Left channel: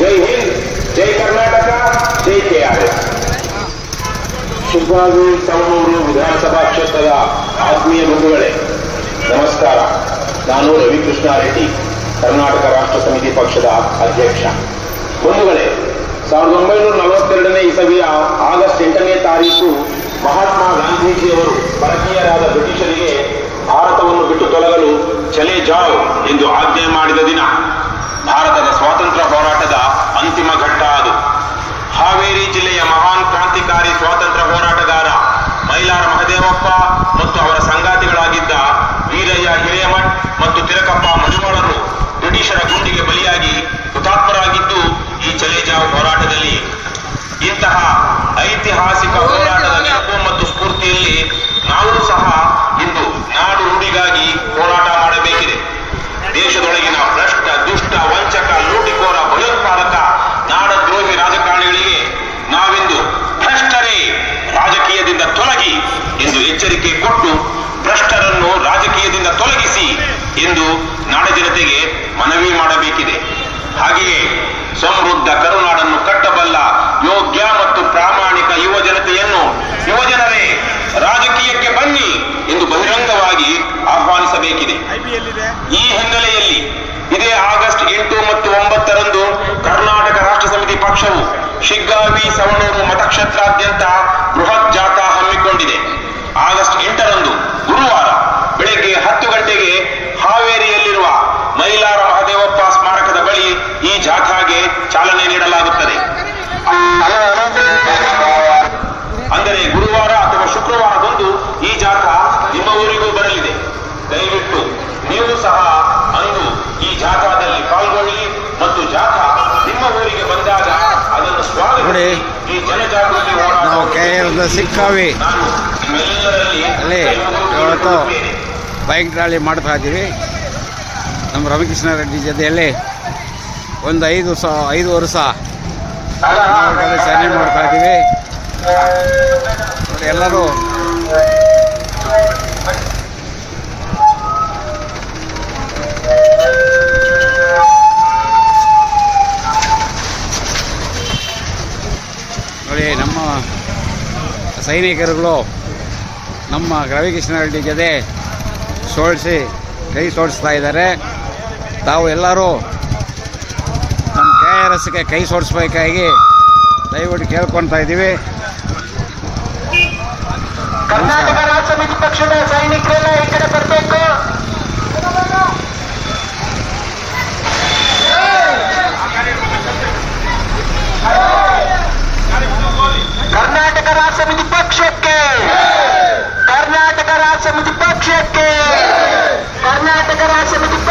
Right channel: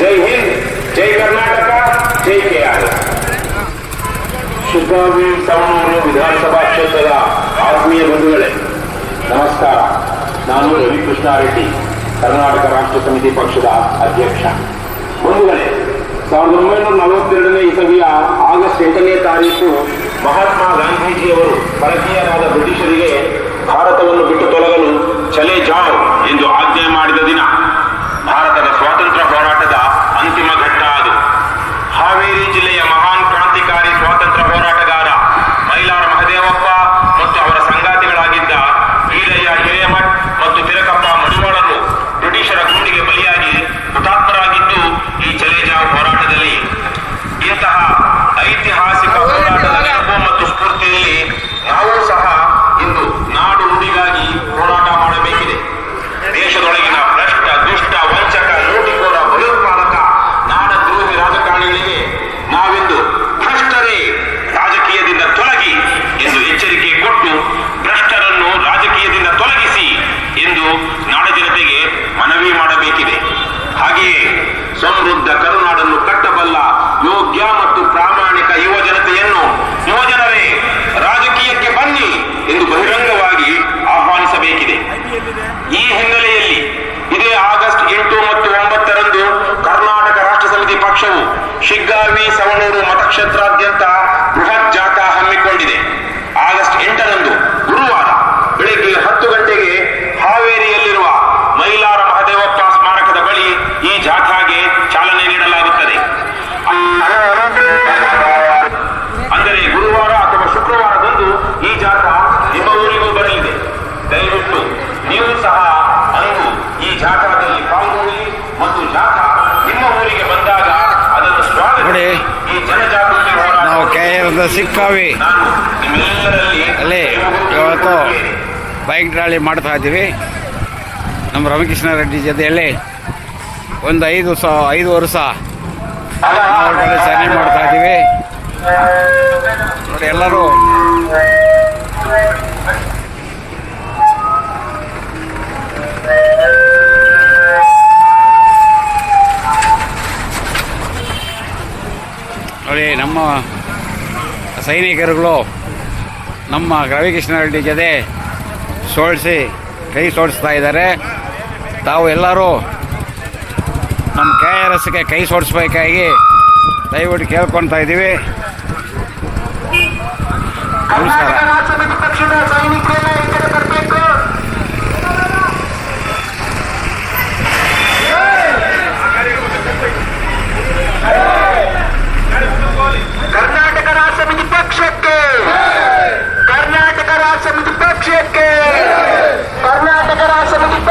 ಜೈ ಹಿಂದ್ ಜೈ ಕರ್ನಾಟಕ ಜೈ K R Shiggavi ತವಣೂರು ವಿಧಾನಸಭಾ ಕ್ಷೇತ್ರದ ಆತ್ಮೀಯ ಬಂಧುಗಳೇ ನಮಸ್ಕಾರ ನಾನು ರವಿಕೃಷ್ಣಾರೆಡ್ಡಿ ಕರ್ನಾಟಕ ರಾಷ್ಟ್ರ ಸಮಿತಿ ಪಕ್ಷದ ಅಧ್ಯಕ್ಷ. ಬಂಧುಗಳೇ ಸಾವಿರದ ಒಂಬೈನೂರ ನಲವತ್ತೆರಡನೇ ಇಸವಿಯ ಆಗಸ್ಟ್ ಎಂಟನೇ ತಾರೀಕು ಮಹಾತ್ಮ ಗಾಂಧೀಜಿಯವರು ಭಾರತೀಯರಾದ ಬ್ರಿಟಿಷರಿಗೆ ಭಾರತವನ್ನು ಬಿಟ್ಟು ತೊಲಗಲು ಚಲೇ ಜಾವ್ ಎಂದು ಆಜ್ಞೆ ಮಾಡಿದ ದಿನ. ಇಂತಹ ಐತಿಹಾಸಿಕ ಹೋರಾಟದ ನೆನಪು ಮತ್ತು ಸ್ಫೂರ್ತಿಯಲ್ಲಿ ನಾವು ಸಹ ಇಂದು ನಾಡು ನುಡಿಗಾಗಿ ಹೋರಾಟ ಮಾಡಬೇಕಿದೆ. ದೇಶದೊಳಗಿನ ಭ್ರಷ್ಟ, ದುಷ್ಟ, ವಂಚಕ, ಲೂಟಿಕೋರ, ಭಯೋತ್ಪಾದಕ, ನಾಡದ್ರೋಹಿ ರಾಜಕಾರಣಿಗಳಿಗೆ ನಾವಿಂದು ಭ್ರಷ್ಟರೇ ರಾಜಕೀಯದಿಂದ ತೊಲಗಿ ಎಂದು ಎಚ್ಚರಿಕೆ ಕೊಟ್ಟು ಭ್ರಷ್ಟರನ್ನು ರಾಜಕೀಯದಿಂದ ತೊಲಗಿಸಿ ಎಂದು ನಾಡ ಜನತೆಗೆ ಮನವಿ ಮಾಡಬೇಕಿದೆ. ಹಾಗೆಯೇ ಸಮೃದ್ಧ ಕರುನಾಡನ್ನು ಕಟ್ಟಬಲ್ಲ ಯೋಗ್ಯ ಮತ್ತು ಪ್ರಾಮಾಣಿಕ ಯುವ ಜನತೆಯನ್ನು ಯುವಜನರೇ ರಾಜಕೀಯಕ್ಕೆ ಬನ್ನಿ ಎಂದು ಬಹಿರಂಗವಾಗಿ ಆಹ್ವಾನಿಸಬೇಕಿದೆ ಈ ಹಿನ್ನೆಲೆಯಲ್ಲಿ ಇದೇ ಆಗಸ್ಟ್ ಎಂಟು ಮತ್ತು ಒಂಬತ್ತರಂದು ಕರ್ನಾಟಕ ರಾಷ್ಟ್ರ ಸಮಿತಿ ಪಕ್ಷವು ಶಿಗ್ಗಾವಿ ಸವಣೂರು ಮತಕ್ಷೇತ್ರಾದ್ಯಂತ ಬೃಹತ್ ಜಾಥಾ ಹಮ್ಮಿಕೊಂಡಿದೆ. ಆಗಸ್ಟ್ ಎಂಟರಂದು ಗುರುವಾರ ಬೆಳಗ್ಗೆ ಹತ್ತು ಗಂಟೆಗೆ ಹಾವೇರಿಯಲ್ಲಿರುವ ಮೈಲಾರ ಮಹದೇವಪ್ಪ ಸ್ಮಾರಕದ ಬಳಿ ಈ ಜಾಥಾಗೆ ಚಾಲನೆ ನೀಡಲಾಗುತ್ತದೆ ಅಂದರೆ ಗುರುವಾರ ಅಥವಾ ಶುಕ್ರವಾರದಂದು ಈ ಜಾಥಾ ನಿಮ್ಮ ಊರಿಗೂ ಬರಲಿದೆ ದಯವಿಟ್ಟು ನೀವು ಸಹ ಅಂದು ಈ ಜಾಥಾದಲ್ಲಿ ಪಾಲ್ಗೊಳ್ಳಿ ಮತ್ತು ಜಾಥಾ ನಿಮ್ಮ ಊರಿಗೆ ಬಂದಾಗ ಅದನ್ನು ಸ್ವಾಗತಿಸಿ ನೋಡಿ, ಈ ಜನಜಾಗೃತಿ ಹೋರಾಟ ನಾವು ಆರ್ದ ಸಿಕ್ಕಾವಿ. ಅಲ್ಲಿ ಇವತ್ತು ಬೈಕ್ ರ್ಯಾಲಿ ಮಾಡ್ತಾ ಇದ್ದೀವಿ ನಮ್ಮ ರಾಮಕೃಷ್ಣ ರೆಡ್ಡಿ ಜೊತೆಯಲ್ಲಿ ಒಂದು ಐದು ಸ, ಐದು ವರ್ಷ ನಾವು ಮಾಡ್ತಾ ಇದ್ದೀವಿ ನೋಡಿ, ಎಲ್ಲರೂ ನೋಡಿ, ನಮ್ಮ ಸೈನಿಕರುಗಳು ನಮ್ಮ ರವಿಕೃಷ್ಣ ರೆಡ್ಡಿ ಜೊತೆ ಸೋಡಿಸಿ ಕೈ ಸೋಡಿಸ್ತಾ ಇದ್ದಾರೆ. ತಾವು ಎಲ್ಲರೂ ನಮ್ಮ ಕೆ ಆರ್ ಎಸ್ಗೆ ಕೈ ಸೋಡಿಸ್ಬೇಕಾಗಿ ದಯವಿಟ್ಟು ಕೇಳ್ಕೊತಾ ಇದ್ದೀವಿ. ನಮಸ್ಕಾರ. ಕರ್ನಾಟಕ ರಾಜ್ಯ ಮುಜುಪ್ಪ ಕ್ಷೇತ್ರಕ್ಕೆ ಕರ್ನಾಟಕ ರಾಜ್ಯ ಮುಜುಪ್ಪ